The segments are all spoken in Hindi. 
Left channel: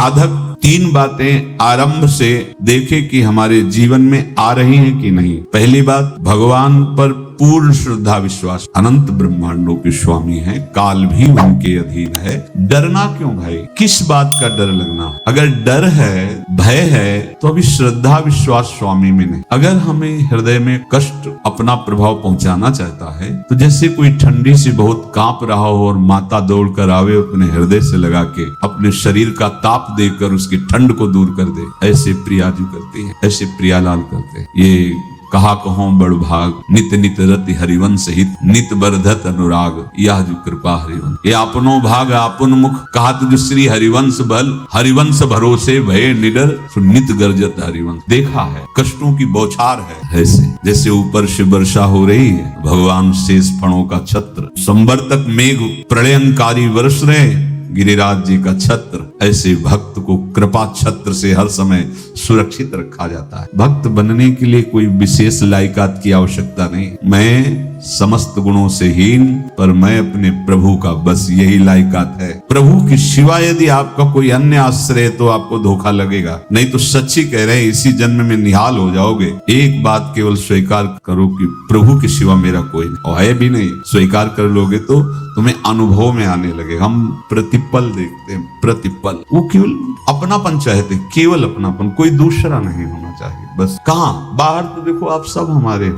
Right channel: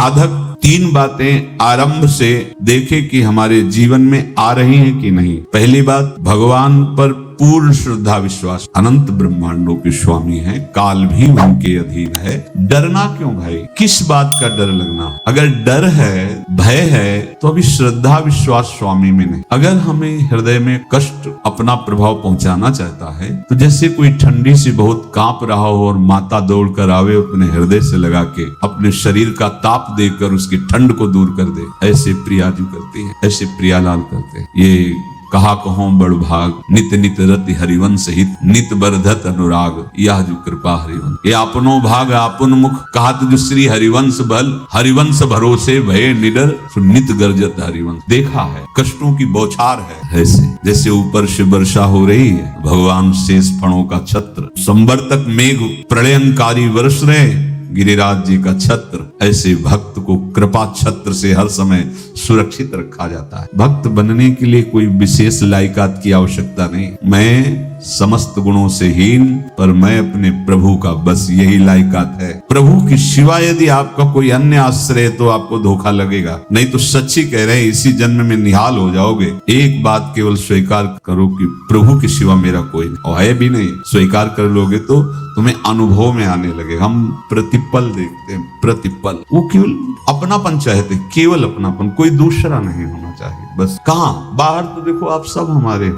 साधक तीन बातें आरंभ से देखे कि हमारे जीवन में आ रही है कि नहीं। पहली बात, भगवान पर पूर्ण श्रद्धा विश्वास। अनंत ब्रह्मांडों के स्वामी है, काल भी उनके अधीन है। डरना क्यों भाई? किस बात का डर लगना? अगर डर है, भय है, तो अभी श्रद्धा विश्वास स्वामी में नहीं। अगर हमें हृदय में कष्ट अपना प्रभाव पहुंचाना चाहता है, तो जैसे कोई ठंडी से बहुत कांप रहा हो और माता दौड़ कर आवे, अपने हृदय से लगा के अपने शरीर का ताप देकर उसकी ठंड को दूर कर दे, ऐसे प्रिया जी करती है, ऐसे प्रियालाल करते हैं। ये कहा कहो बड़ भाग, नित नित रति हरिवंश हित, नित बरधत अनुराग, यह जो कृपा हरिवंश। ये अपनो भाग आपन मुख, कहा तुझ श्री हरिवंश बल, हरिवंश भरोसे भय निडर, नित गर्जत हरिवंश। देखा है कष्टों की बौछार है, ऐसे जैसे ऊपर से वर्षा हो रही है, भगवान शेष फणों का छत्र, संवर्तक मेघ प्रलयंकारी वर्ष रहे, गिरिराज जी का छत्र। ऐसे भक्त को कृपा छत्र से हर समय सुरक्षित रखा जाता है। भक्त बनने के लिए कोई विशेष लायकात की आवश्यकता नहीं। मैं समस्त गुणों से हीन, पर मैं अपने प्रभु का, बस यही लायकात है। प्रभु के सिवा यदि आपका कोई अन्य आश्रय है तो आपको धोखा लगेगा। नहीं तो सच्ची कह रहे, इसी जन्म में निहाल हो जाओगे। एक बात केवल स्वीकार करो कि प्रभु के सिवा मेरा कोई और है भी नहीं। स्वीकार कर लोगे तो तुम्हें अनुभव में आने लगे। हम प्रतिपल देखते हैं, प्रतिपल। वो केवल अपनापन चाहते, केवल अपनापन, कोई दूसरा नहीं होना चाहिए। बस कहाँ बाहर तो देखो आप सब हमारे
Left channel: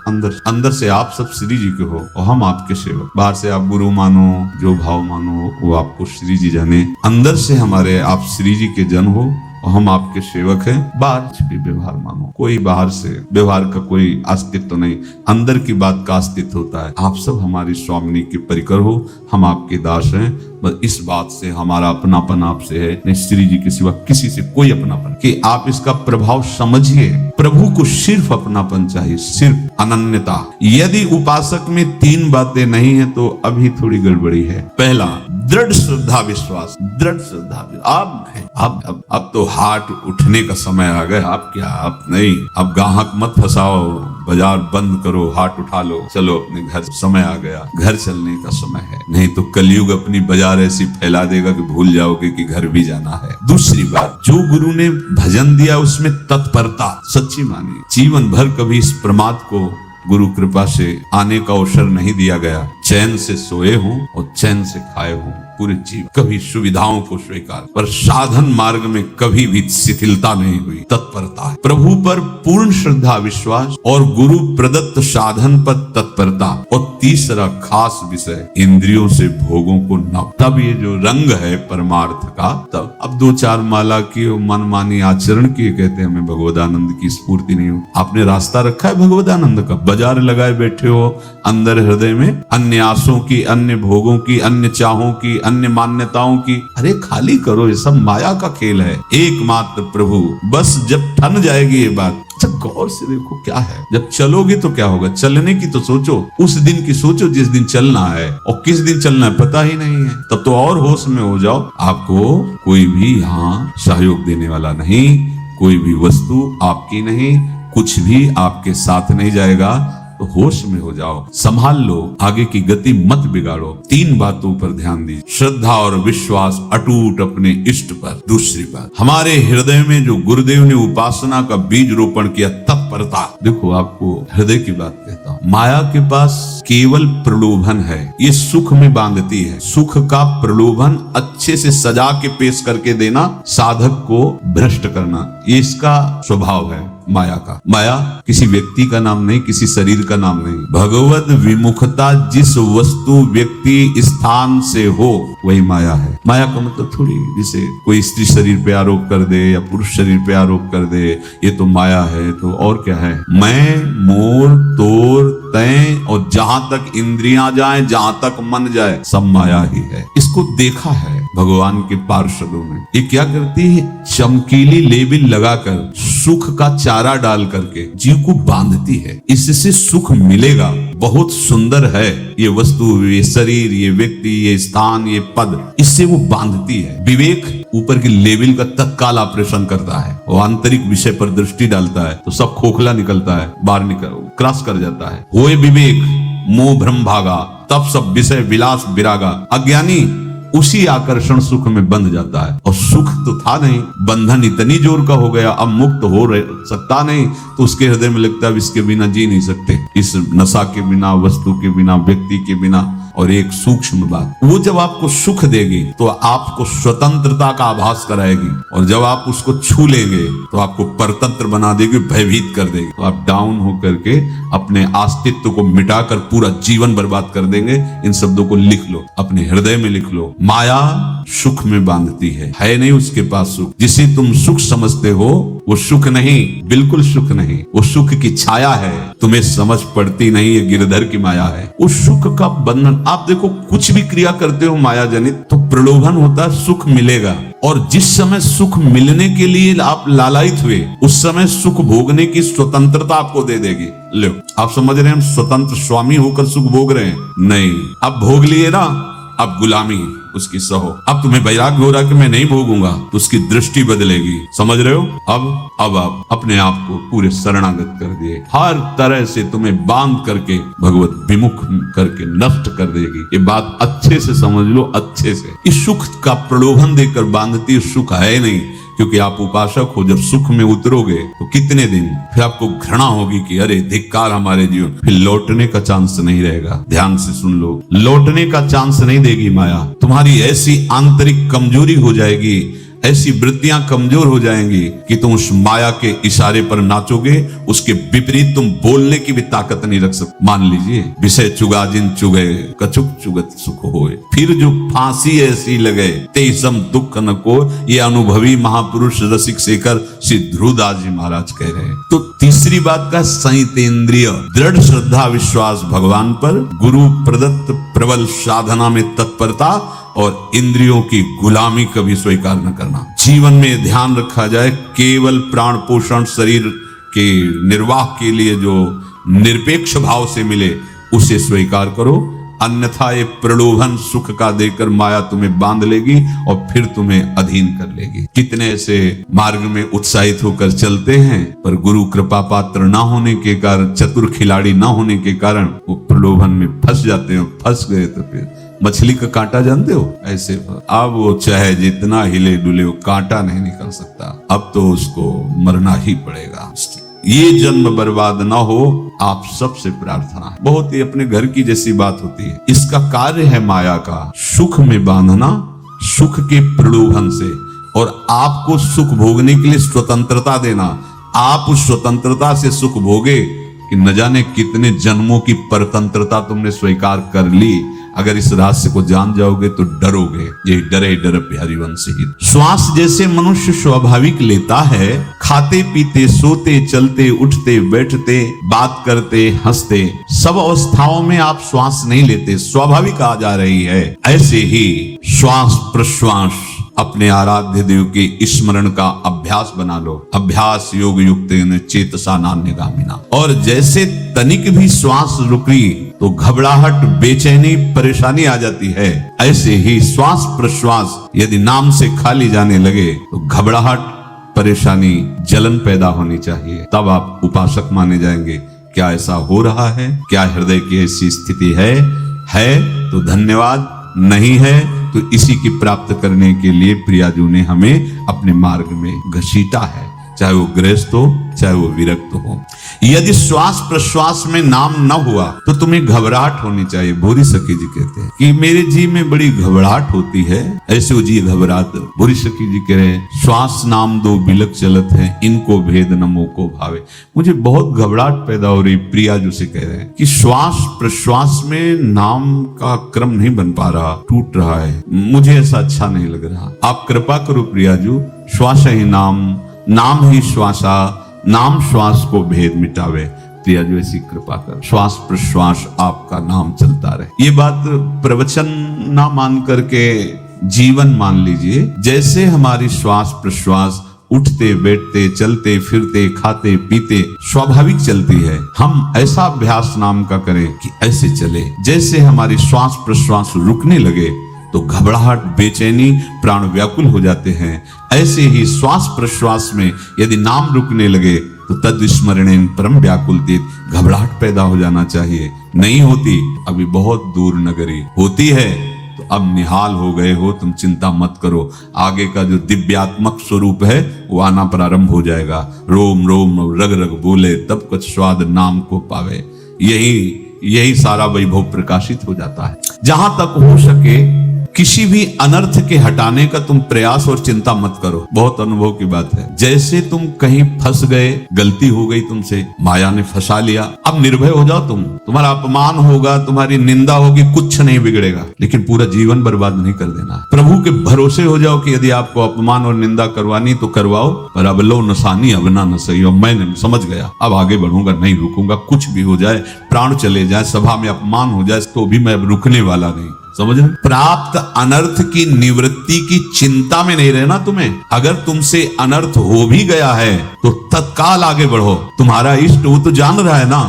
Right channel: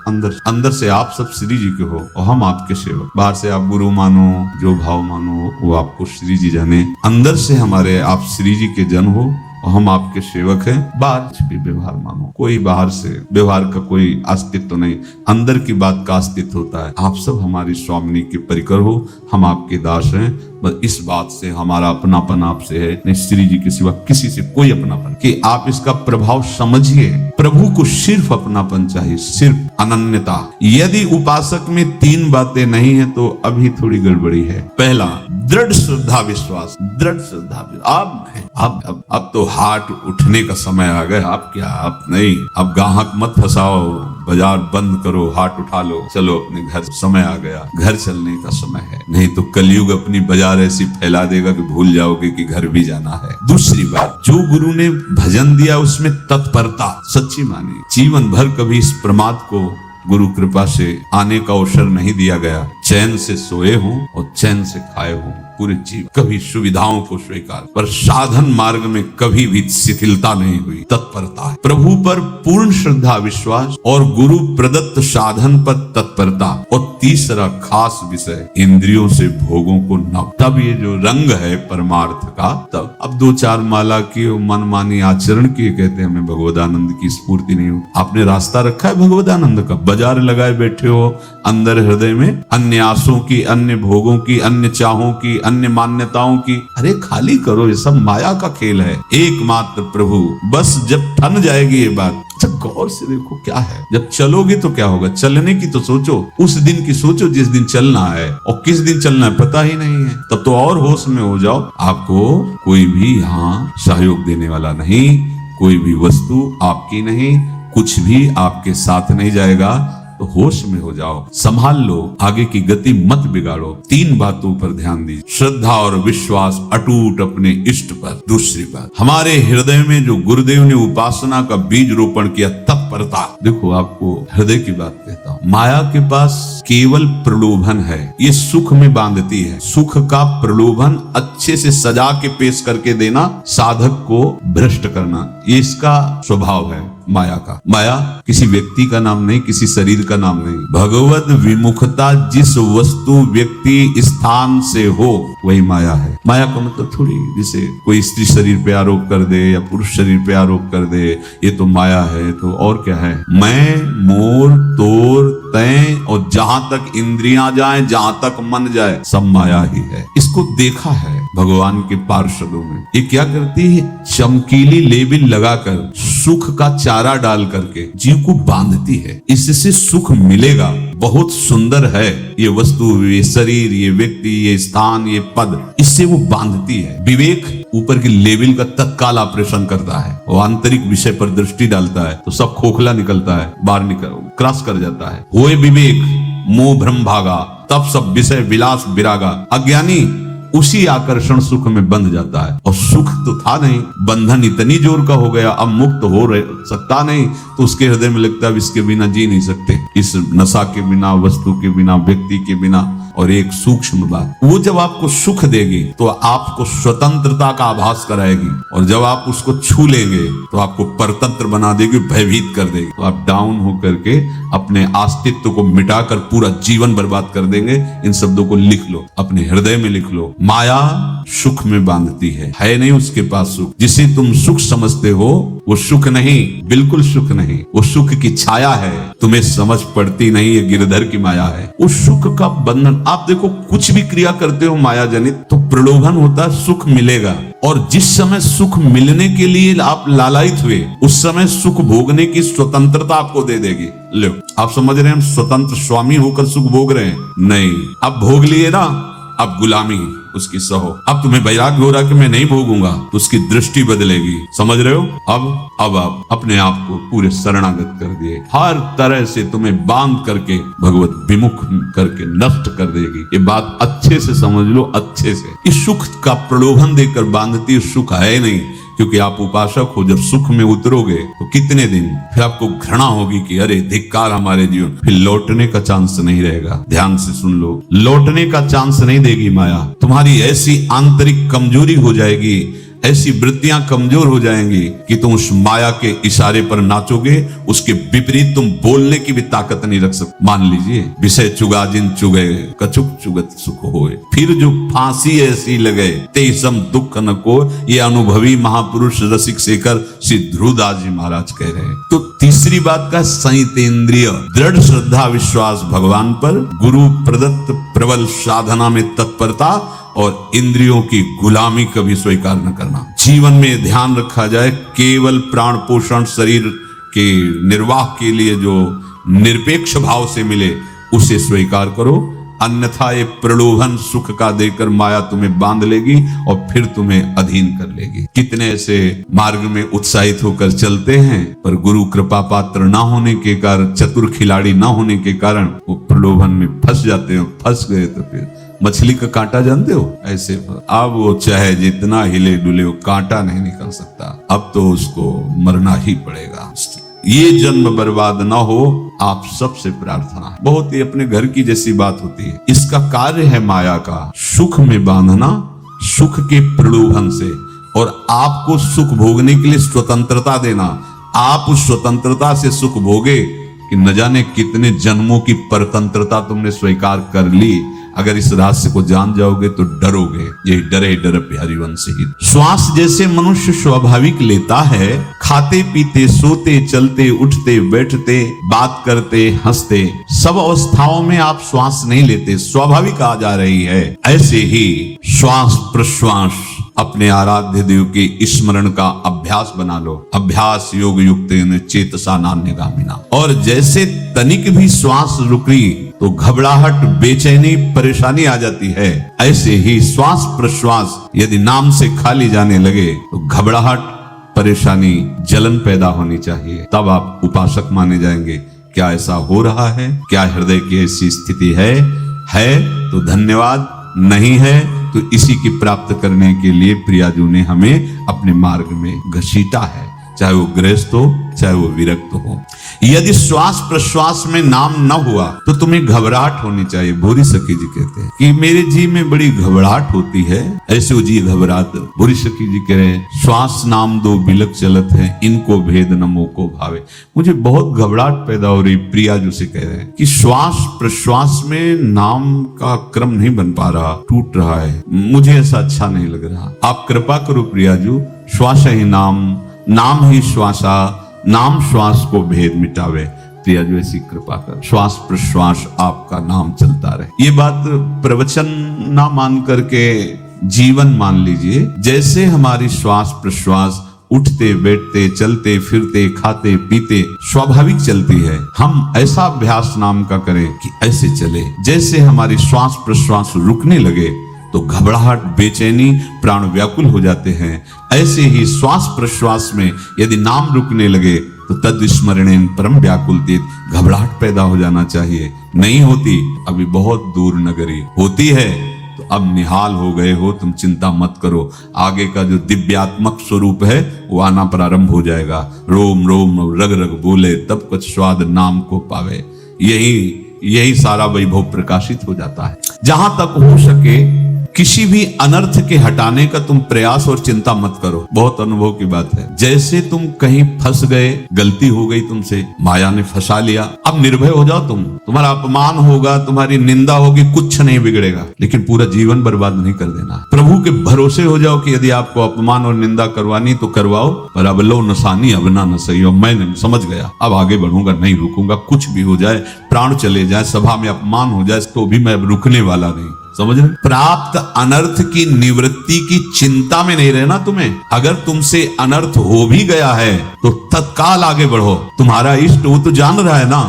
अंदर से आप सब श्री जी के हो और हम आपके सेवक। बाहर से आप गुरु मानो, जो भाव मानो वो आपको श्री जी जाने। अंदर से हमारे आप श्री जी के जन हो और हम आपके सेवक हैं। बात भी व्यवहार मानो, कोई बाहर से व्यवहार का कोई अस्तित्व नहीं, अंदर की बात का अस्तित्व होता है। आप सब हमारे स्वामी के परिकर हो, हम आपके दास हैं। बस इस बात से हमारा अपनापन आपसे है, नहीं श्री जी के सिवा किसी से कोई अपनापन। कि आप इसका प्रभाव समझिए। प्रभु को सिर्फ अपनापन चाहिए, सिर्फ अनन्यता। यदि उपासक में तीन बातें नहीं है तो अभी थोड़ी गड़बड़ी है। पहला, दृढ़ श्रद्धा विश्वास। दृढ़ श्रद्धा, अब तो हाट उठने का समय आ गया। आप क्या, आप नहीं, अब गाहक मत फंसाओ, बाजार बंद करो, हाट उठा लो, चलो अपने घर। समय आ गया, घर चलने का समय है। नहीं तो कलयुग अपनी बाजार ऐसी फैला देगा कि भूल जाओगे कि घर भी जाना है। दूसरी बात, जो गुरु ने भजन दिया उसमें तत्परता सच्ची माने। जीवन भर कभी इस प्रमाद को गुरु कृपा से आने का अवसर नहीं दिया गया। चैन से सोए हो और चैन से खाए हो पूरे जीवन। कभी सुविधाओं को स्वीकार, पर साधन मार्ग में कभी भी शिथिलता नहीं हुई। तत्परता है, प्रभु पर पूर्ण श्रद्धा विश्वास और गुरु प्रदत्त साधन पर तत्परता। और तीसरा खास विषय, इंद्रियों से भोगों को न। तब ये जो रंग है परमार्थ का, तब अब दो चार माला की और मनमानी आचरण किए कहते हैं हमें भगवदानंद की स्फूर्ति नहीं हो। आपने रास्ता रखा है भगवदानंद का, बाजार लगाए बैठे हो अंदर हृदय में, अन्य आसों की, अन्य भोगों की, अन्य चाहों की, अन्य मान्यताओं की। अरे खाली करो, ये सब माया का खेल है। एकमात्र प्रभु। बस जब ठन जाएगी ये बात, जब गौर से देखो क्या है। जब चलोगे तो क्या होगा, चलने की तो सोचो, उस दिन की सोचो जिस दिन चलना है, और किस दिन चलना है पता ही नहीं है। तब तो और होश में हो जाओ। आपको कोई भी यहाँ सहयोग देने वाला नहीं, कोई भी वस्तु आपकी नहीं, कुछ भी आपके साथ नहीं जाएगा। तो होश में हो जाओ, संभाल लो, आगे की गति मत बिगाड़ो। तीन बातों पर ध्यान दीजिए, श्रद्धा और विश्वास अटूट अपने इष्ट पर। दूसरी बात, हमारे हृदय में जो गुरुदेव ने उपासना का बीज रोपण किया, तत्परता। देखो आपको हृदय की बात कहता हूँ, माया के पास केवल प्रलोभन है, ये सुख में बांधती है। सुख का प्रलोभन अच्छे से सजा के पेश करके देना, साधक को भ्रष्ट करना, ये इसका स्वभाव है माया का। माया किसी व्यक्ति का नाम नहीं, किसी शरीर का नाम नहीं। भगवत विमुखता जिस वस्तु व्यक्ति स्थान से हो वही माया है। माया का मतलब थोड़ी जैसे कोई स्त्री शरीर पे आरोप कर दे या पुरुष शरीर पे आरोप कर दे, ये तो माया है। तो और क्या है? मैं, मोर, तोर, तय और जहां तक इंद्रियां जाएं, जहां तक मन जाए, सब माया ही है। इसको देखा है भगवान के पार्षदों में। ये क्या करती है? चमकीली लेबिल लगाकर, सुख का चारा डाल करके जीव को बांधती है। इससे सुख मिलेगा, बहुत सुंदर है ये वस्तु, ये शरीर, ये व्यक्ति, ये स्थान, ये पद, इससे वो बांधती है। विवेक ऊपर के लेवल का तत्काल ऑपरेशन करता है, वो आंतरिक विषय पर दृष्टि डालता है तो सब खोखला निकलता है, बाहर निकल क्रॉस कर जाता है। होए विवेक मोह भ्रम भागा, तब सब विषय विलास विरागा। अज्ञानी उसी आकर्षण सुख में बंध जाता है। तो सुख तो था नहीं, बंधन इतनी जोर का हो गया, अब मुक्त हो रहे सकता नहीं, तो उसके हृदय में लगता है इसके बिना जी नहीं सकते, इस नशा के बिना, वस्तु के बिना, व्यक्ति के बिना। और एक सूक्ष्म बात, वो जब आपको सुख देगी तो आपको स्वतंत्रता का आभास कराएगी, और जब आप उसको छू लेंगे तो आपको परतंत्र बना देगी, भयभीत कर देगी। तो आप डाउन होकर के अपने अस्तित्व को मिटाकर पूरा जीवन बर्बाद कर देंगे। इन शब्दों को लिख लो, अपने हृदय में लिख लो। माया सुख में बांधती है नहीं उसके पास सुख। जिसे तुम सुख समझते हो वो सुख नहीं, बिल्कुल सुख नहीं, वो सुख की छाया है, तुम्हें समझ पड़ती नहीं है, गिरधर की माया है। उस सुख का बंधन, आप देखो कुछ भी क्रिया करते हो माया जनित, तो प्रलोभन होता है सुख मिलेगा, और जिस समय सुख मिलने के लिए आप लालायित हुए, उस समय सुख भोगने की स्वतंत्रता आपको दे देगी। ले, आप समझ रहे हैं हम स्वतंत्र स्वामी होकर सुख भोग रहे हैं? नहीं, अब भोग लिए ना, अब गुलामी उसकी सहो। अब तुम्हें वैराग्य हो रहा कि मैं नहीं भोगूंगा, तो उसकी दृष्टि बदलेगी, समझ रहे हो? अब आप अपने आप को पूरे शरणागत कर दिए, हर तरह से तुम्हें बांध करके भगवत विमुख करके नष्ट कर देगी। ये बात अच्छे से समझ लो, अच्छे से। इस सुख का प्रलोभन देकर बांधती सुख है नहीं, क्योंकि आप उपासक हो। जब सुख में उतरोगे तो कितने दिन फिर आपको घृणा होगी कि अरे धिक्कार हमारे जीवन, फिर लौटने का चांस नहीं रहेगा। ध्यान से सुन लो, लौटने का चांस नहीं देगी माया। तुम्हारी ऐसी आंतरिक कमजोरी हो जाएगी, ऐसी वृत्तियां कमजोर हो जाएंगी कि तुम उस माया के इशारे पर नाचोगे, उसके विपरीत तुम बोलने की भी ताकत नहीं रख सकते। मान लीजिए, विषय चुगा जिन चुगे, कछुक चुगत सुख होए, फिर जो फांसी ऐसी लगे तेसम दुख न को, ये अनुभवी महापुरुष रसिक शेखर श्री ध्रुवदास जी महाराज कह रहे हैं। तो तीसरी बात का संयतेंद्रिय, दृढ़ श्रद्धा विश्वास भगवान पर, गुरु प्रदत्त प्रबल साधना में तत्परता, और इंद्रियों की गुलामी कभी स्वीकार न करना। जीवन में ध्यान रखा जाए, केवल प्राण पोषण शरीर के निर्वाह के लिए जो निरपेक्ष भाव से मिले उसे स्वीकार करो, अन्यथा ये प्रलोभन सुख का देकर माया तुम्हें बांध लेगी और फिर तुम्हें अधीन कर लेगी। कितने ऐसे मार्ग में उत्साहित होकर चलते हैं, पर गुरु कृपा पात्र न होने के कारण, चतुर खिलाड़ी न होने के कारण वो प्रलोभन में फंस जाते हो। फंस गए तो फिर मछली का कांटा जानते हो, ऐसे अब वो चाहे जितना हिले डुले वो कांटा नहीं निकल सकता, अब तो उसको मरना ही पड़ेगा। ये जन्म बर्बाद न हो, आप सबसे प्रार्थना है। बहुत ही अपने घर की जैसी बात होती है। इसका कार्य है माया का सुख में बांधना, सुख के प्रलोभन से, और आपको सुख भोगने के लिए स्वतंत्रता देना। आप उस स्वतंत्रता से सुख भोगे कि न जाने कितने जन्मों की परतंत्रता तुमने स्वीकार कर ली। अगर इस रहस्य को जान जाओगे तो डरोगे। ये डरे डर बिहारी वंश गीत। श्वास जैसे मनुष्य स्वाभाविक लेता है, खाते पीते सोते चलते उठते बैठते बात करते हंसते, सब अवस्थाओं में आप श्वास नहीं लेते, स्वाभाविक आ जा रही है। ऐसे ही श्वास प्रश्वास अपने आराध्य देव के स्मरण का अभ्यास बना लो। अभ्यास योग युक्त चेतसा नान्यगामिना। और जैसे तनिक भी श्वास रुकी तो घबराहट, बेचैनी, परेशानी आ जाती है, ऐसे ही श्वास प्रश्वास यदि नाम से खाली जाने लगे तो घबराहट, परेशानी, जलन पैदा होनी चाहिए। तब आप उपासक माने जाएंगे। क्या ऐसा हो रहा है? क्या हृदय की ऐसी स्थिति है तो धन्यवाद, नहीं है तो इसी की प्राप्त करने के लिए प्रियाजों ने हमें अपने मार्ग में घसीटा है, चाहे वो गृहस्थ हो चाहे वो विरक्त हो। यदि श्वास प्रश्वास में नाम न हुआ तो तुम्हें घबराहट होनी चाहिए। भूरी सखी जी कहते हैं कि मेरे जी में बड़ी घबराहट होती है, ऐसे वो जी घबरात। भूरी सखी जी कह रहे हैं श्वास नाम दो बिलक चलत है, इनको भेद न मोको भावे। मुझे बहुत घबराहट पैदा हो रही। प्रिया जो से कह रहे हैं कि श्वास प्रश्वास में नाम का क्रम नहीं बन पा रहा, टूट रहा है, मुझे ऐसा अच्छा नहीं लग रहा। आप कृपा करो प्रिया जी, श्वास ही नाम, नाम ही श्वासा, नाम श्वास को भेद मिटावे। प्रिया जी ऐसी कृपा कर, श्वास प्रश्वास आपका नाम चलता रहे। ये बात प्रवचन ना मान करके जीवन मान लीजिए। जैसे हमारी श्वास प्रश्वास उठते बैठते चलते फिरते खाते पीते स्वाभाविक चलती है, हम ऐसा अभ्यास नाम का करें कि ऐसे चले। जैसे हमारी श्वास प्रश्वास रुकने लगे तो घबराहट, बेचैनी, प्राण व्याकुल हो जाते हैं, ऐसे ही श्वास प्रश्वास में यदि नाम रुकने लगे तो तद स्मरणेन परम व्याकुल देव, घबराहट पैदा हो जाना चाहिए। नहीं होती, अभी बहुत दूर नगरी होती है। अब निहाल हो गए हो, तुम चिंता मत करो, आगे का जो दिव्यात्मक स्वरूप है वो आना प्रारंभ हो जाएगा। रोम रोम रग रग भूले तब कुछ स्वाद नाम को पावे। यही सारा वैभव प्रकाशित हो जाता है। जहां तक हो सके किसी भी अनर्थ के हटाने का तुम प्रयास और चिंता मत करो। बहुत अनुभव की बात है। जैसे तुम कहीं फंस गए, गलती हो गई तुमसे, माया ने फंसा लिया, अब निर्भय हो जाओ। तुम्हारा अपमान होगा, तुम्हारी निंदा होगी, कुछ नहीं बिगड़ेगा, लेकिन पूरा जीवन बर्बाद नहीं कर देना। प्रभु के भरोसे हो जाओ कि यदि आपको अपमान और निंदा करवानी तो करवाओ, पर अब लो नसानी अब ना सही हो। मैं समझ गया, अब आगे बढ़ूंगा, नहीं रुकूंगा, कुछ भी हो जाए, प्राण चले जाए, सभा में अपमान हो जाए, तो भी मैं अब रुकने वाला नहीं। समझ रहे? प्राप्त अनर्थ की निवृत्ति की चिंता में नहीं रहना तुम्हें। अगर तुमसे अनर्थ हो भी गया है तो तत्काल आगे बढ़ो। तुम्हारा इष्ट वो तो जान रहा है ना,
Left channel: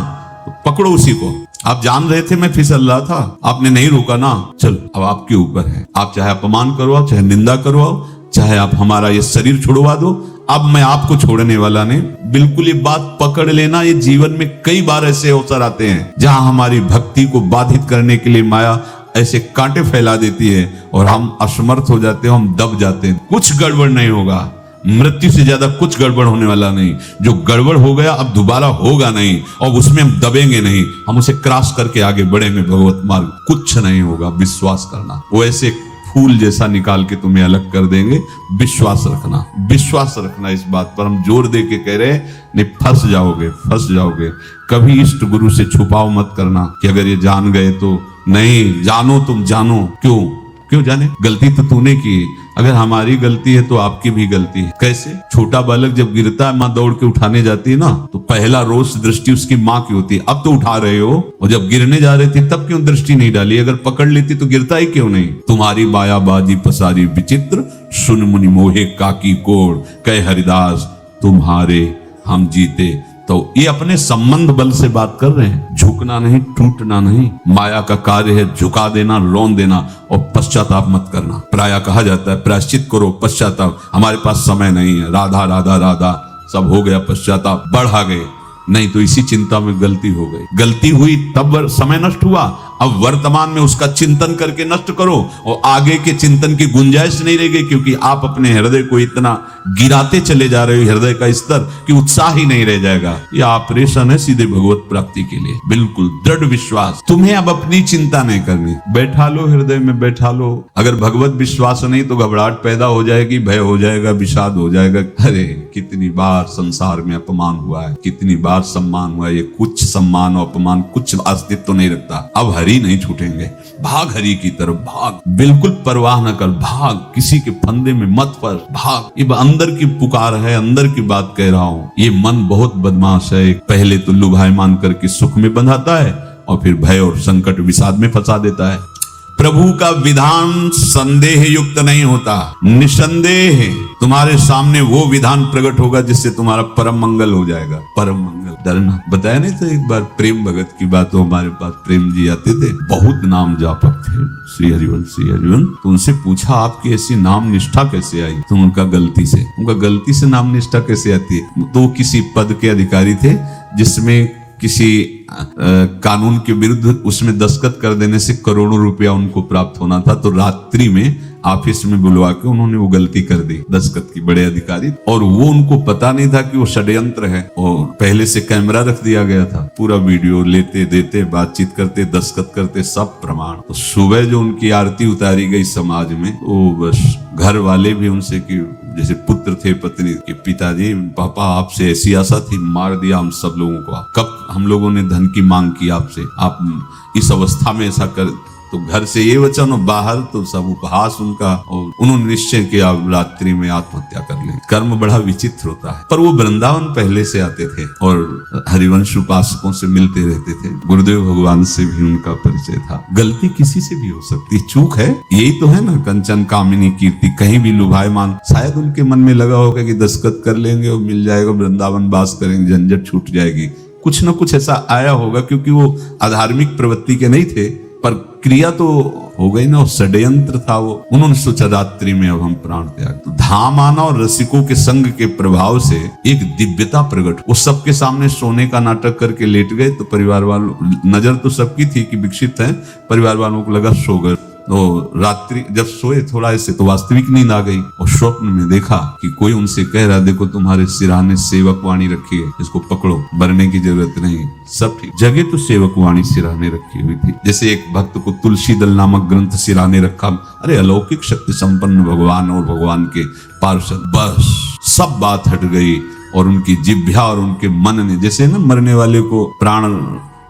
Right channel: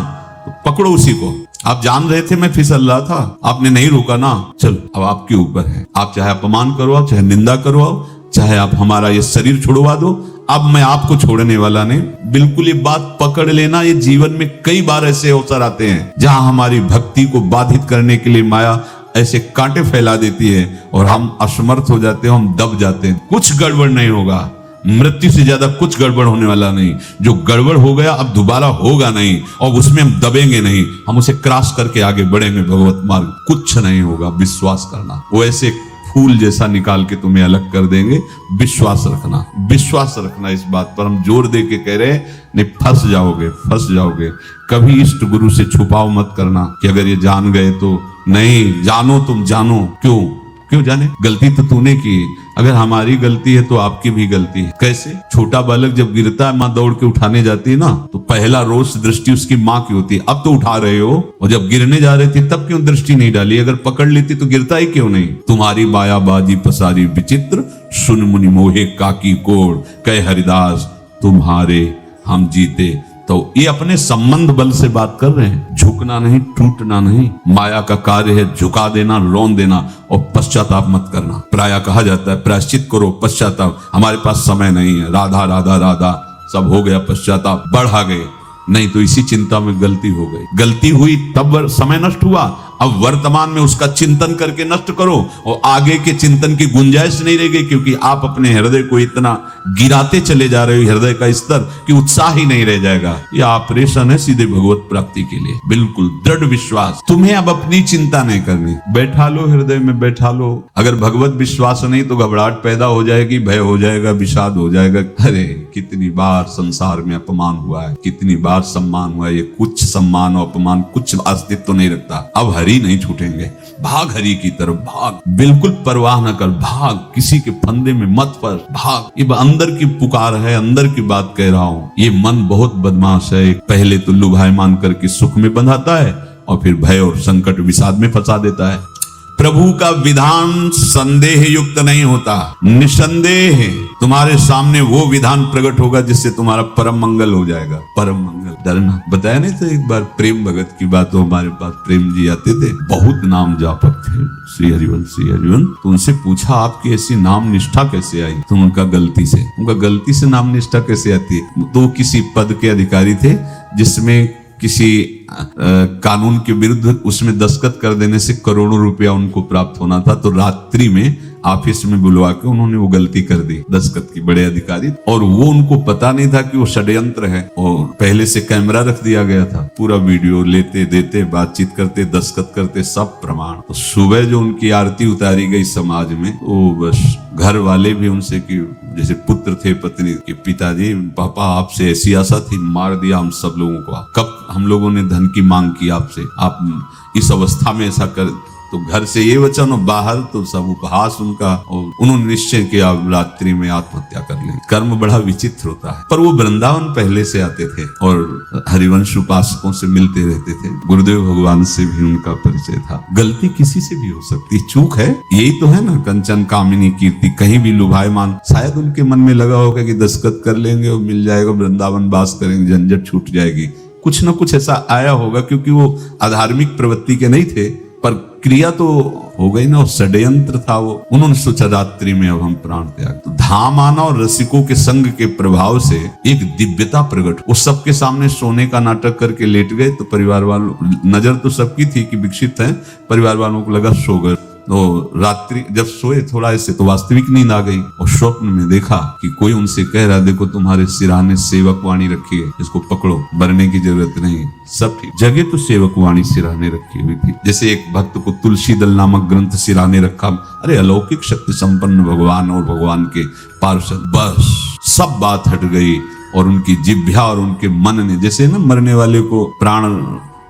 तो पकड़ो उसी को। आप जान रहे थे मैं फिसल रहा था, आपने नहीं रोका ना, चल अब आपके ऊपर है। आप चाहे अपमान करवाओ, चाहे निंदा करवाओ, चाहे आप हमारा ये शरीर छोड़वा दो, अब मैं आपको छोड़ने वाला नहीं। बिल्कुल ये बात पकड़ लेना। ये जीवन में कई बार ऐसे अवसर आते हैं जहां हमारी भक्ति को बाधित करने के लिए माया ऐसे कांटे फैला देती है और हम असमर्थ हो जाते हैं, हम दब जाते हैं। कुछ गड़बड़ नहीं होगा, मृत्यु से ज्यादा कुछ गड़बड़ होने वाला नहीं। जो गड़बड़ हो गया अब दोबारा होगा नहीं, और उसमें हम दबेंगे नहीं, हम उसे क्रॉस करके आगे बढ़ेंगे भगवत मार्ग। कुछ नहीं होगा, विश्वास करना। वो ऐसे फूल जैसा निकाल के तुम्हें अलग कर देंगे। विश्वास रखना, विश्वास रखना। इस बात पर हम जोर दे के कह रहे हैं, नहीं फंस जाओगे, फंस जाओगे। कभी इष्ट गुरु से छुपाव मत करना कि अगर ये जान गए तो। नहीं, जानो, तुम जानो। क्यों जाने? गलती तो तूने की है। अगर हमारी गलती है तो आपकी भी गलती है। कैसे? छोटा बालक जब गिरता है, माँ दौड़ के उठाने जाती है ना, तो पहला रोष दृष्टि उसकी माँ की होती है। अब तो उठा रहे हो, और जब गिरने जा रहे थे तब क्यों दृष्टि नहीं डाली? अगर पकड़ लेती तो गिरता ही क्यों नहीं? तुम्हारी मायाबाजी पसारी विचित्र, सुन मुनि मोहे काकी कोड़, कहे हरिदास तुम्हारे हम जीते। तो ये अपने संबंध बल से बात कर रहे हैं। झुकना नहीं, टूटना नहीं। माया का कार्य है झुका देना, लोन देना, और पश्चाताप मत करना। प्रायः कहा जाता है प्रायश्चित करो, पश्चाताप। हमारे पास समय नहीं है, राधा राधा राधा, सब हो गया, पश्चाताप बढ़ा गए। नहीं तो इसी चिंता में गलती हो गई। गलती हुई तब समय नष्ट हुआ, अब वर्तमान में उसका चिंतन करके नष्ट करो, और आगे के चिंतन की गुंजाइश नहीं रहेगी, क्योंकि आप अपने हृदय को इतना गिराते चले जा रहे हैं, हृदय का स्तर, कि उत्साह ही नहीं रह जाएगा। यह ऑपरेशन है सीधे भगवत प्राप्ति के लिए। बिल्कुल दृढ़ विश्वास। तुम्हें अब अपनी चिंता नहीं करनी, बैठा लो, हृदय में बैठा लो। अगर भगवत विश्वास नहीं तो घबराहट पैदा हो जाएगी, भय हो जाएगा, विषाद हो जाएगा। अरे कितनी बार संसार में अपमान हुआ है, कितनी बार सम्मान हुआ है। ये कुछ सम्मान और अपमान कुछ अस्तित्व तो नहीं रखता। अब हरि नहीं छूटेंगे। भाग हरि की तरफ, भाग, बिल्कुल परवाह न कर, भाग, किसी के फंदे में मत फंस, भाग। ये अंदर की पुकार है, अंदर की बात कह रहा हूँ। ये मन बहुत बदमाश है, पहले तो लुभायमान करके सुख में बंधाता है, और फिर भय और संकट विषाद में फंसा देता है। प्रभु का विधान संदेह युक्त नहीं होता, निसंदेह तुम्हारे सामने वो विधान प्रकट होगा जिससे तुम्हारा परम मंगल हो जाएगा। परम मंगल। डरना बताया नहीं तो एक बार प्रेम भगत की बात हो, हमारे पास प्रेम जी आते थे, बहुत नाम जापक थे, श्री हरिवंश। तो उनसे पूछा आपकी ऐसी नाम निष्ठा कैसे आई? तो उनका गलती से नाम निष्ठा कैसे आती? तो किसी पद के अधिकारी थे जिसमें किसी कानून के विरुद्ध उसमें दस्तखत कर देने से करोड़ों रुपया उनको प्राप्त होना था। तो रात्रि में ऑफिस में बुलवा के उन्होंने वो गलती कर दी, दस्तखत की, बड़े अधिकारी। और वो उनको पता नहीं था कि वो षड्यंत्र है, और पहले से कैमरा रख दिया गया था। पूरा वीडियो लेते देते, बातचीत करते, दस्तखत करते, सब प्रमाण। तो सुबह जो उनकी आरती उतारी गई समाज में, वो बस घर वाले भी उनसे कि जैसे पुत्र थे पत्नी के, पिताजी पापा आपसे ऐसी आशा थी, मार दिया हम सब लोगों को। कब हम लोगों ने धन की मांग की आपसे, आप इस अवस्था में ऐसा कर। तो घर से ये वचन, बाहर तो सब उपहास उनका। उन्होंने निश्चय किया रात्रि में आत्महत्या कर ले। कर्म बड़ा विचित्र होता है। पर वो वृंदावन पहले से आते थे और हरिवंश उपासकों से मिलते रहते थे। गुरुदेव भगवान से भी उनका परिचय था। गलती किसी से भी हो सकती, चूक है। यही तो है ना, कंचन कामिनी कीर्ति, कहीं भी लुभायमान। शायद उनके मन में लगा होगा कि दस्तखत कर लेंगे और मिल जाएगा, वृंदावन वास करेंगे, झंझट छूट जाएगी। कुछ न कुछ ऐसा आया होगा, क्योंकि वो अधार्मिक प्रवृत्ति के नहीं थे, पर क्रिया तो हो गई ना, और षड्यंत्र था वो। उन्होंने सोचा रात्रि में अब हम प्राण त्याग। तो धाम आना और रसिकों के संग के प्रभाव से एक दिव्यता प्रकट। उस सबके सामने सोने का नाटक करके लेट गए। तो परिवार वालों, नजर तो सबकी थी कि विकसित हैं, परिवार वालों को लगा सो गए। रात्रि जब सोए थोड़ा ऐसे तो वास्तविक नींद आ गई और स्वप्न में देखा कि कोई उनसे कह रहा, देखो तुम्हारे सिराने सेवक वाणी रखी है, इसको पकड़ो, मरने की जरूरत नहीं, सब ठीक। जगह तो सेवक वाणी सिराने रखी हुई थी। जैसे एक भक्त को तुलसी दल नामक ग्रंथ सिराने रखा, अरे अलौकिक शक्ति संपन्न भगवान और भगवान के पार्षद, बस सब बात हट गई और उनकी जिह्वा और उनके मन ने, जैसे ना मरने वाले को प्राण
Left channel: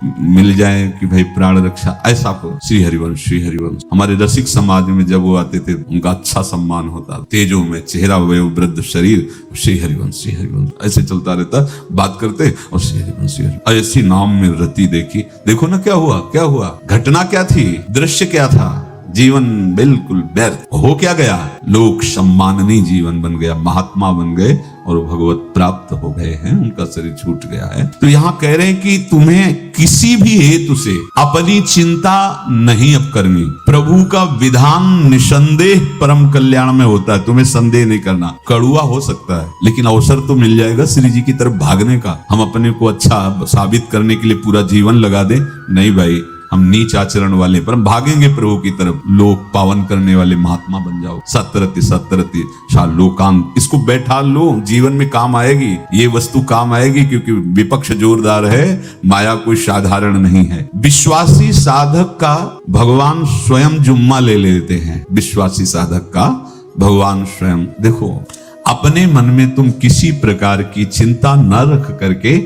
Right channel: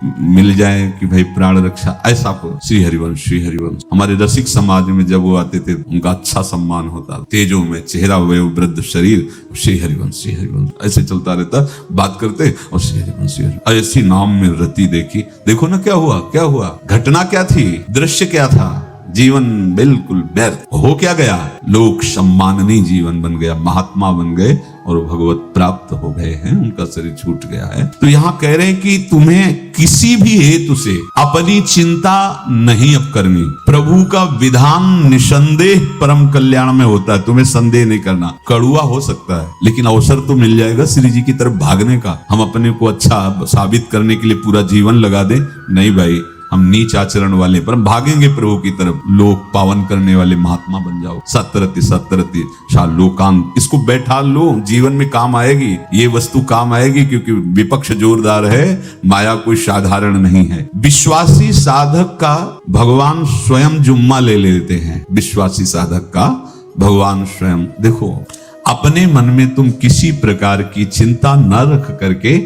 मिल जाए कि भाई प्राण रक्षा, ऐसा करो। श्री हरिवंश, श्री हरिवंश। हमारे रसिक समाज में जब वो आते थे उनका अच्छा सम्मान होता, तेजों में चेहरा हुए वृद्ध शरीर, श्री हरिवंश, श्री हरिवंश ऐसे चलता रहता, बात करते और श्री हरिवंश, श्री हरिवंश ऐसे नाम में रति देखी। देखो ना क्या हुआ, क्या हुआ, घटना क्या थी, दृश्य क्या था, जीवन बिल्कुल व्यर्थ हो क्या गया, लोक सम्माननीय जीवन बन गया, महात्मा बन गए और भगवत प्राप्त हो गए हैं, उनका शरीर छूट गया है। तो यहाँ कह रहे हैं कि तुम्हें किसी भी हेतु से अपनी चिंता नहीं अब करनी, प्रभु का विधान निसंदेह परम कल्याण में होता है, तुम्हें संदेह नहीं करना। कड़ुआ हो सकता है लेकिन अवसर तो मिल जाएगा श्री जी की तरफ भागने का। हम अपने को अच्छा साबित करने के लिए पूरा जीवन लगा दे, नहीं भाई, हम नीच आचरण वाले पर भागेंगे प्रभु की तरफ, लोक पावन करने वाले महात्मा बन जाओ। सतरति सतरति लोकांत, इसको बैठा लो, जीवन में काम आएगी, ये वस्तु काम आएगी, क्योंकि विपक्ष जोरदार है, माया कोई साधारण नहीं है। विश्वासी साधक का भगवान स्वयं जुम्मा ले लेते हैं, विश्वासी साधक का भगवान स्वयं। देखो अपने मन में तुम किसी प्रकार की चिंता न रख करके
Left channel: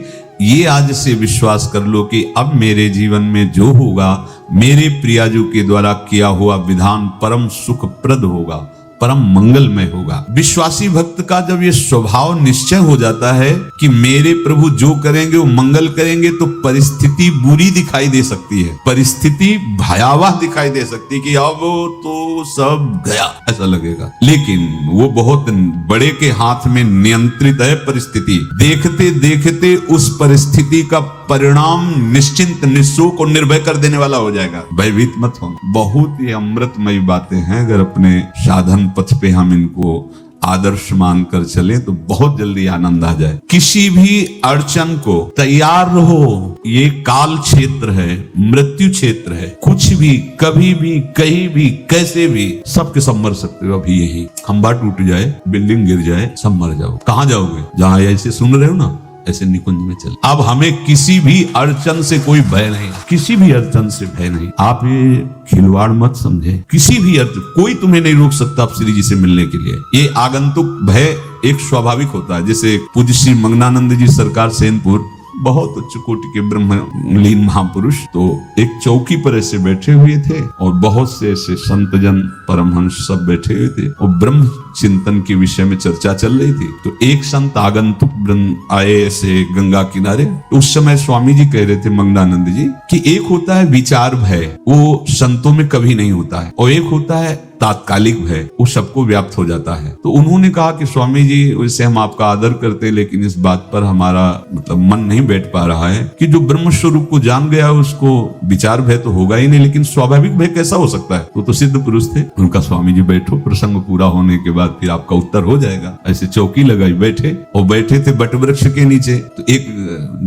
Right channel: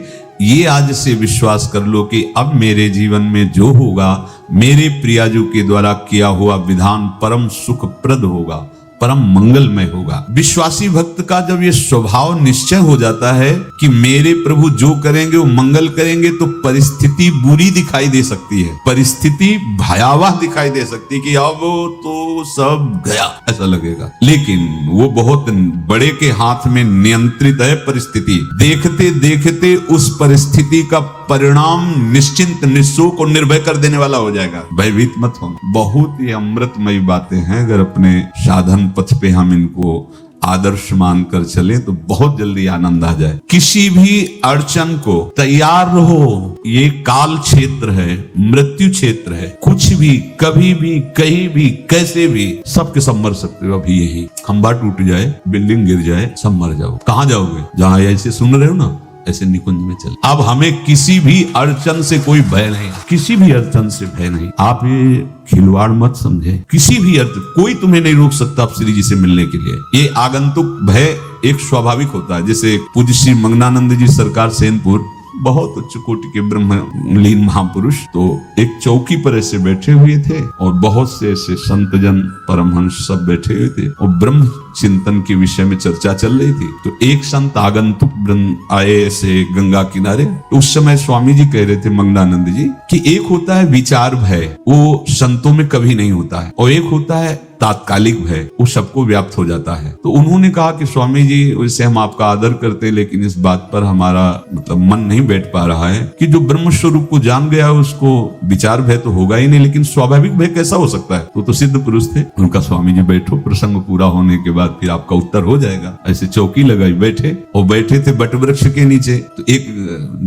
ये आज से विश्वास कर लो कि अब मेरे जीवन में जो होगा, मेरे प्रियाजू के द्वारा किया हुआ विधान परम सुखप्रद होगा, परम मंगलमय होगा। विश्वासी भक्त का जब ये स्वभाव निश्चय हो जाता है कि मेरे प्रभु जो करेंगे वो मंगल करेंगे, तो परिस्थिति बुरी दिखाई दे सकती है, परिस्थिति भयावह दिखाई दे सकती है कि अब तो सब गया ऐसा लगेगा, लेकिन वो बहुत बड़े के हाथ में नियंत्रित है परिस्थिति। देखते देखते उस परिस्थिति का परिणाम निश्चिंत, निःशोक और निर्भय कर देने वाला हो जाएगा। भयभीत मत हो। बहुत ही अमृतमय बातें हैं, अगर अपने साधन पथ पे हम इनको आदर्श मानकर चले तो बहुत जल्दी आनंद आ जाए। किसी भी अड़चन को तैयार रहो, ये काल क्षेत्र है, मृत्यु क्षेत्र है, कुछ भी कभी भी कहीं भी कैसे भी सबके संभर सकते हो। अभी यही खंबा टूट जाए, बिल्डिंग गिर जाए, सब मर जाओ, कहाँ जाओगे? जहाँ ऐसे सुन रहे हो ना, ऐसे निकुंज में चल। अब हमें किसी भी अड़चन से कोई भय नहीं, किसी भी अड़चन से भय नहीं। आप ये खिलवाड़ मत समझे, किसी भी अड़चन, कोई तुम्हें नहीं रोक सकता आप श्री जी से मिलने के लिए। ये आगंतुक भय एक स्वाभाविक होता है। जैसे पूज्य श्री मंगनानंद जी सरकार सेनपुर, बहुत उच्च कोटि के ब्रह्मलीन महापुरुष, तो एक चौकी पर ऐसे बैठे हुए थे और बहुत से ऐसे संतजन परमहंस सब बैठे हुए थे और ब्रह्म चिंतन के विषय में चर्चा चल रही थी। तो एक संत आगंतुक आए ऐसे गंगा किनारे। उस समय स्वामी जी कह रहे थे मंगलानंद जी कि एक होता है विचार भय, वो संतों में कभी नहीं होता है, और एक होता है तात्कालिक भय, वो सबको व्याप्त हो जाता है। तो उन्होंने कहा कि स्वामी जी वैसे हम आपका आदर करते हैं, लेकिन इस बात पर हमारा मतलब मन नहीं बैठ पा रहा है कि जो ब्रह्म स्वरूप को जान गया उसको विचार भय तो होगा ही नहीं, लेकिन स्वाभाविक भय कैसा हो सकता है? तो सिद्ध पुरुष थे। उनका स्वामी जी बैठो, प्रसंग पूरा होने के बाद फिर आपका उत्तर हो जाएगा। ऐसी चौकी लगाई, बैठे, वो बैठे थे बट वृक्ष के नीचे। तो एक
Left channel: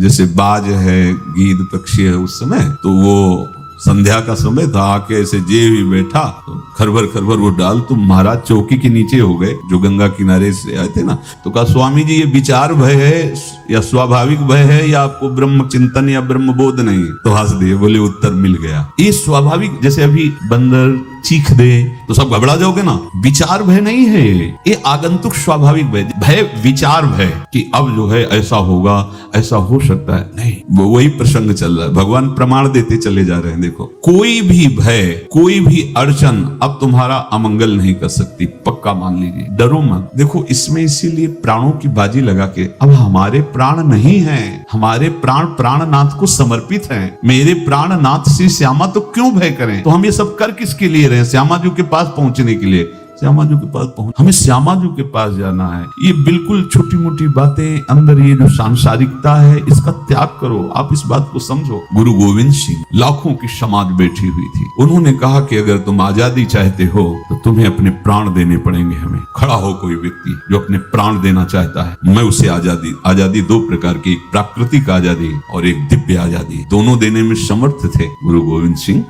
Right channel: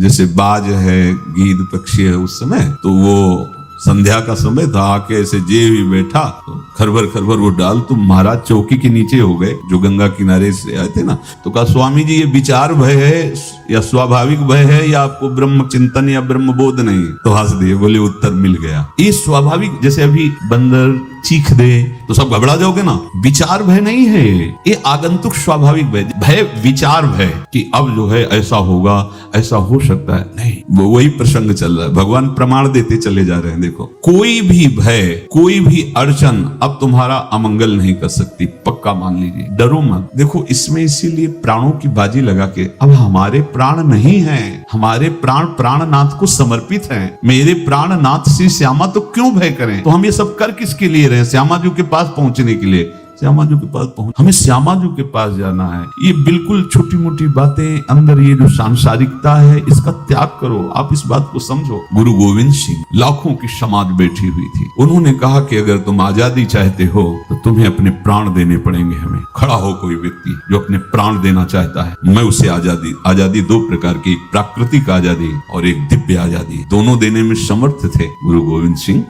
जैसे बाज है, गीद पक्षी है, उस समय तो वो संध्या का समय था, आके ऐसे जे भी बैठा तो खरबर खरबर वो डाल, तो महाराज चौकी के नीचे हो गए जो गंगा किनारे से आए थे ना। तो कहा स्वामी जी ये विचार भय है या स्वाभाविक भय है या आपको ब्रह्म चिंतन या ब्रह्म बोध नहीं? तो हंस दे, बोले उत्तर मिल गया। ये स्वाभाविक, जैसे अभी बंदर चीख दे तो सब घबरा जाओगे ना, विचार भय नहीं है, ये आगंतुक स्वाभाविक भय। भय विचार भय कि अब जो है ऐसा होगा, ऐसा हो सकता है, नहीं, वो वही प्रसंग चल रहा है। भगवान प्रमाण देते चले जा रहे हैं। देखो कोई भी भय, कोई भी अड़चन अब तुम्हारा अमंगल नहीं कर सकती, पक्का मान लीजिए, डरो मत। देखो इसमें इसीलिए प्राणों की बाजी लगा के, अब हमारे प्राण नहीं हैं, हमारे प्राण प्राणनाथ को समर्पित हैं। मेरे प्राणनाथ से श्यामा तो क्यों भय करें? तो हम ये सब कर किसके लिए रहे? श्यामा जी के पास पहुंचने के लिए। श्यामा जी के पास हमें श्यामा जी के पास जाना है। ये बिल्कुल छोटी मोटी बातें, अंदर ये जो सांसारिकता है इसका त्याग करो। आप इस बात को समझो। गुरु गोविंद सिंह लाखों की समाज बैठी हुई थी, उन्होंने कहा कि अगर तुम आजादी चाहते हो तो तुम्हें अपने प्राण देने पड़ेंगे। हमें खड़ा हो कोई व्यक्ति जो अपने प्राण देना चाहता है, मैं उसे आजादी, आजादी दो प्रकार की, प्राकृतिक आजादी और एक दिव्य आजादी, दोनों देने में समर्थ थे गुरु गोविंद सिंह।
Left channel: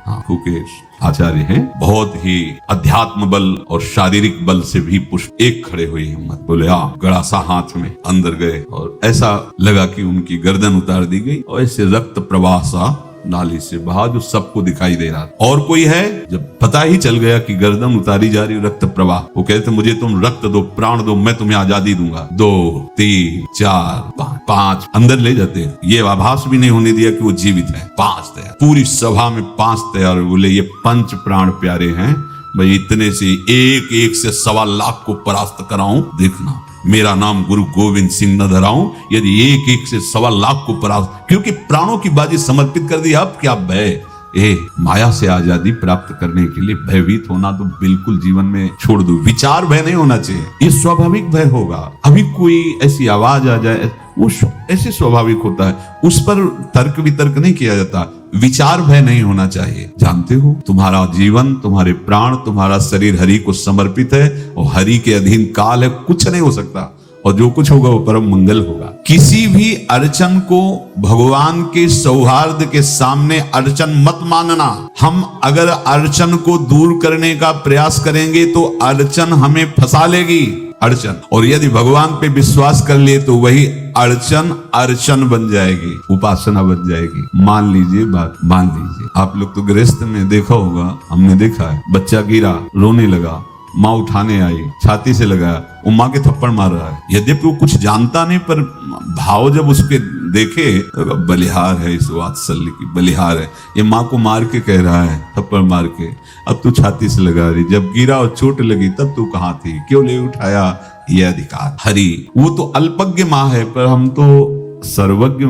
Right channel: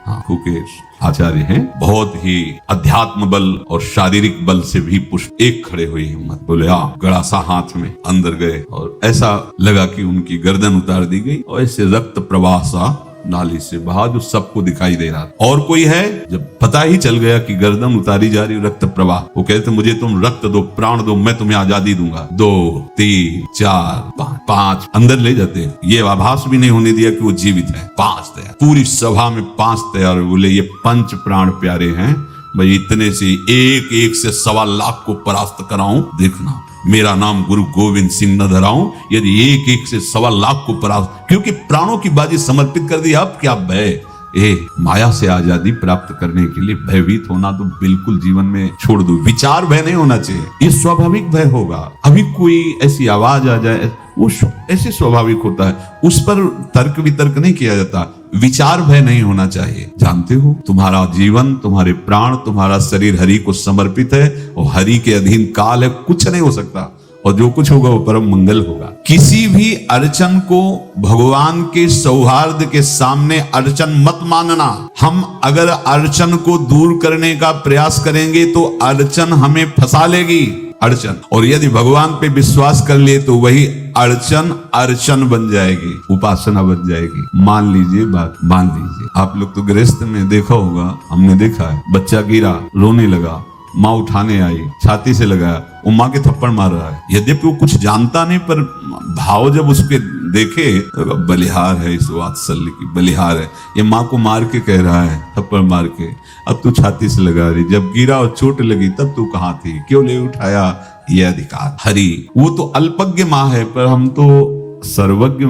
आचार्य है, बहुत ही अध्यात्म बल और शारीरिक बल से भी पुष्ट। एक खड़े हुए हिम्मत, बोले हाँ, गड़ा सा हाथ में अंदर गए और ऐसा लगा कि उनकी गर्दन उतार दी गई और ऐसे रक्त प्रवाह सा नाली से बहा जो सबको दिखाई दे रहा था। और कोई है, जब पता ही चल गया कि गर्दन उतारी जा रही, रक्त प्रवाह, वो कहते मुझे तुम रक्त दो, प्राण दो, मैं तुम्हें आजादी दूंगा। 2 3 4 5 अंदर ले जाते हैं, ये आभास भी नहीं होने दिया कि वो जीवित है। 5 तैयार, पूरी सभा में 5 तैयार। बोले ये पंच प्राण प्यारे हैं भाई, इतने से एक एक से 1.25 लाख को परास्त कराऊं, देखना मेरा नाम गुरु गोविंद सिंह न धराऊं, यदि एक एक से 1.25 लाख को परास्त, क्योंकि प्राणों की बाजी समर्पित कर दी। अब क्या भय, माया से आजादी प्राप्त करने के लिए भयभीत होना तो बिल्कुल जीवन में छोड़ दो। विचार भय नहीं होना चाहिए, ये स्वाभाविक भय होगा। अभी कोई ऐसी आवाज आ जाए, वो ऐसे स्वाभाविक होता है, उस पर तर्क वितर्क नहीं किया जाता। विचार भय नहीं होना चाहिए। जानते हो तुम्हारा जीवन, तुम्हारे प्राण, तुम्हारा शरीर हरि को समर्पित है और हरि के अधीन काल है, कुछ नहीं हो सकता और जो कुछ होगा वो परम मंगल होगा। किसी भी अड़चन को भगवान के सौहार्द के सामने अड़चन मत मानना। हम अगर अड़चन को दूर करने का प्रयास करेंगे तो अड़चन हमें फंसा लेगी। अड़चन, और यदि भगवान पे विश्वास कर लिए तो वही अड़चन बन जाएगी, उपासना बन जाएगी। मान लीजिए बात, मान लीजिए आप लोग तो गृहस्थ में देखा होगा, हमने देखा है, बच्चा गिरा, रोने लगा, माँ उठाने आई, छाती से लगाया, वो माँ के थप्पड़ मार रहा है। यद्यपि वो कुछ जानता नहीं, पर भाव जब उसके देखे, बलिहार है, इस वात्सल्य की बलिहार है, ये माँ को मार के कह रहा है, थप्पड़ मार के, अब तू छाती से लगा रही, जब गिरा और चोट लगी तब तू कहाँ थी, क्यों ले उठाया? ये अधिकार हरि, वो तो अल्पज्ञ माँ है, पर हम तो सर्वज्ञ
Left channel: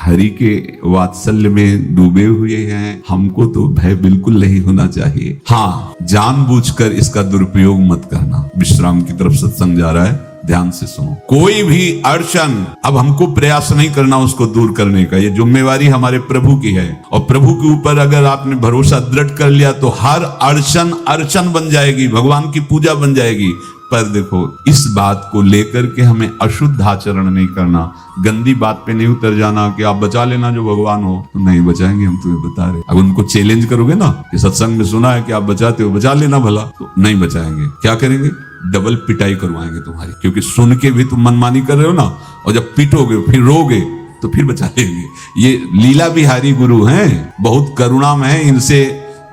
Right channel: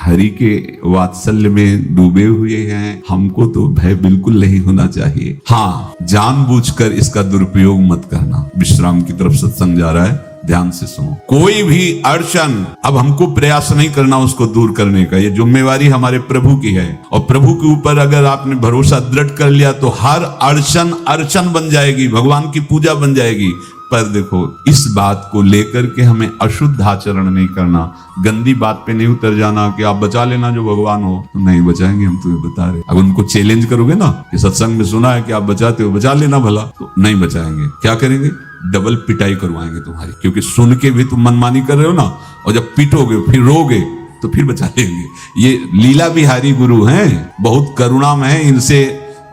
हरि के वात्सल्य में डूबे हुए हैं। हमको तो भय बिल्कुल नहीं होना चाहिए। हाँ, जानबूझकर इसका दुरुपयोग मत करना। विश्राम की तरफ सत्संग जा रहा है, ध्यान से सुनो। कोई भी अड़चन, अब हमको प्रयास नहीं करना उसको दूर करने का, ये जिम्मेवारी हमारे प्रभु की है। और प्रभु के ऊपर अगर आपने भरोसा दृढ़ कर लिया तो हर अड़चन बन जाएगी, भगवान की पूजा बन जाएगी। पर देखो, इस बात को लेकर के हमें अशुद्ध आचरण नहीं करना, गंदी बात पे नहीं उतर जाना कि आप बचा लेना जो भगवान हो। नहीं बचाएंगे, हम तुम्हें बता रहे। अब उनको चैलेंज करोगे ना, सत्संग में सुना है कि आप बचाते हो, बचा लेना भला, तो नहीं बचाएंगे। क्या करेंगे? डबल पिटाई करवाएंगे तुम्हारी, क्योंकि सुन के भी तुम मनमानी कर रहे हो ना, और जब पिटोगे फिर रोगे तो फिर बचा लेंगे। ये लीला बिहारी गुरु हैं, बहुत करुणामय है, इनसे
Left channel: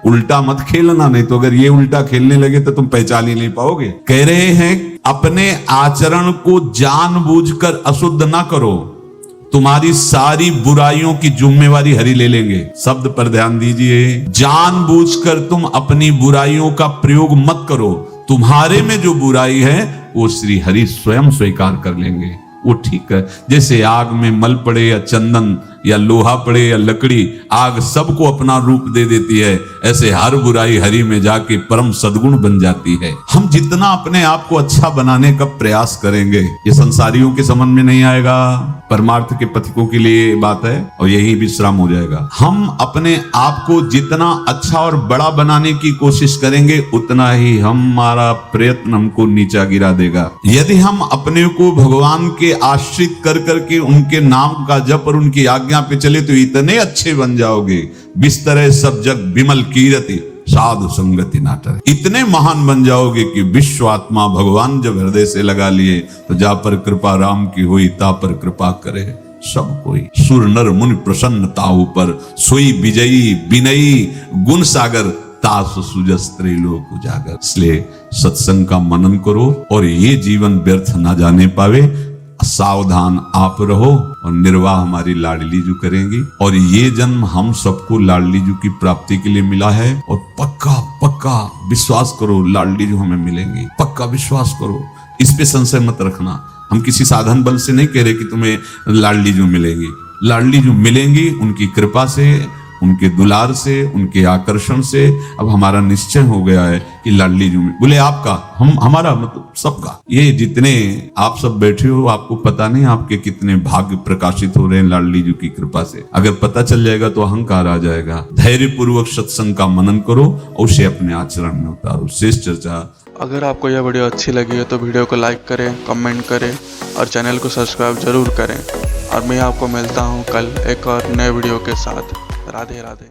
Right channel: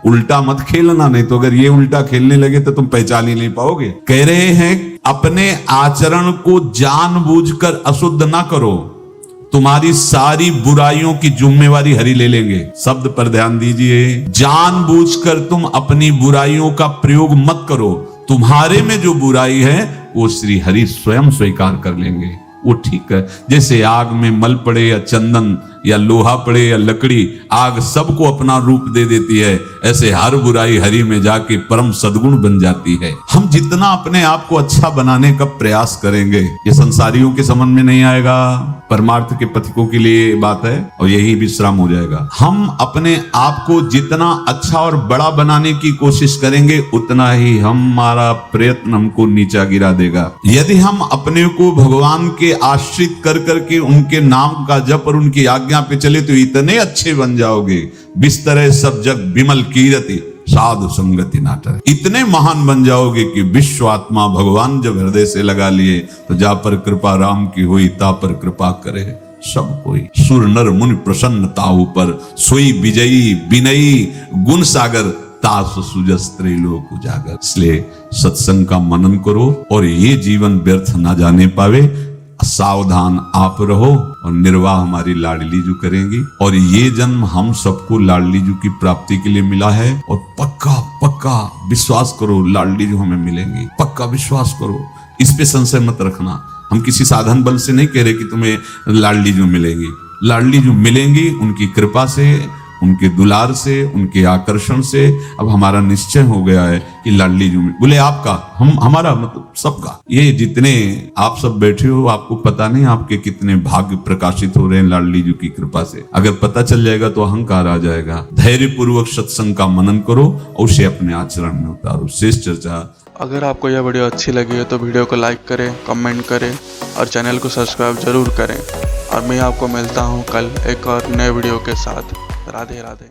उल्टा मत खेलना, नहीं तो अगर ये उल्टा खेलने लगे तो तुम पहचान ही नहीं पाओगे। कह रहे हैं अपने आचरण को जानबूझकर अशुद्ध ना करो, तुम्हारी सारी बुराइयों की जिम्मेवारी हरि ले लेंगे। शब्द पर ध्यान दीजिए, जानबूझकर तुम अपनी बुराइयों का प्रयोग मत करो, तुम्हारे में जो बुराई है वो श्री हरि स्वयं स्वीकार कर लेंगे। वो ठीक है, जैसे आग में मल पड़े या चंदन या लोहा पड़े या लकड़ी, आग सबको अपना रूप दे देती है, ऐसे हर बुराई हरि में जाके परम सद्गुण बन जाती है। हम जितना अपने आप को अच्छा बनाने का प्रयास करेंगे, ये संसारियों की समझ में नहीं आएगा, परमार्थ के पथिकों के लिए बात है, और यही विश्राम हो जाएगा। हम अपने आप को जितना अच्छा और बड़ा बनाने की कोशिश करेंगे, उतना ही हमारा प्रयत्न हमको नीचा गिरा देगा। यदि हम अपने को भगवान के आश्रित कर करके उनके नाम का जप और उनकी आज्ञा पे चले तो इतने अच्छे बन जाओगे, बिस्तरे सब जग विमल कीरति साधु संगति नाटर, इतने महान बन जाओगे कि विश्व आत्मा भगवान जब हृदय से लगा लिए तो जा पर कृपा राम की होई, ता पर कृपा करे सब कोई। सुर नर मुनि प्रसन्नताओं पर सोई विजयी विनयी गुण सागर, तास सुजस त्रैलोक उजागर। इसलिए सत्संग का मनन करो और ये जीवन व्यर्थ ना जाने पावे। सावधान आप रहो, और निर्वाह हमारी लाडली जू करेंगी। और ये जन्म हम सबको लाडली जू की प्राप्ति के लिए मिला है, और पक्का विश्वास करो लाडली जू हमें मिलेंगी, पक्का विश्वास करो, इस पे संशय मत रखना। हम किसी साधन बल से नहीं कह रहे कि तुम्हें लाडली जू मिलेंगी, लाडली जू मिलेंगी उनकी कृपा से, उनके दुलार से, उनके आकर्षण से। अब हमारा निश्चय हो गया है कि लाडली जू में, बोले आपका, हम हमारा मतलब सबका। ये जितने आप सब बैठे हो, आपको पता नहीं आपके कितने भाग्य प्रकाशित हो रहे हैं लाडली जू की कृपा से। अगर पता चल जाएगा तो अहंकार आ जाएगा। धैर्य पूर्वक सत्संग का मनन करो और उसे अपने आचरण में उतारो। शेष चर्चा। अगर आपको यह वीडियो अच्छी लगी है तो वीडियो को लाइक करें, कमेंट करें और चैनल को सब्सक्राइब जरूर करें। और मैं आपको मिलता हूँ कल एक और नए वीडियो के साथ। राधे राधे।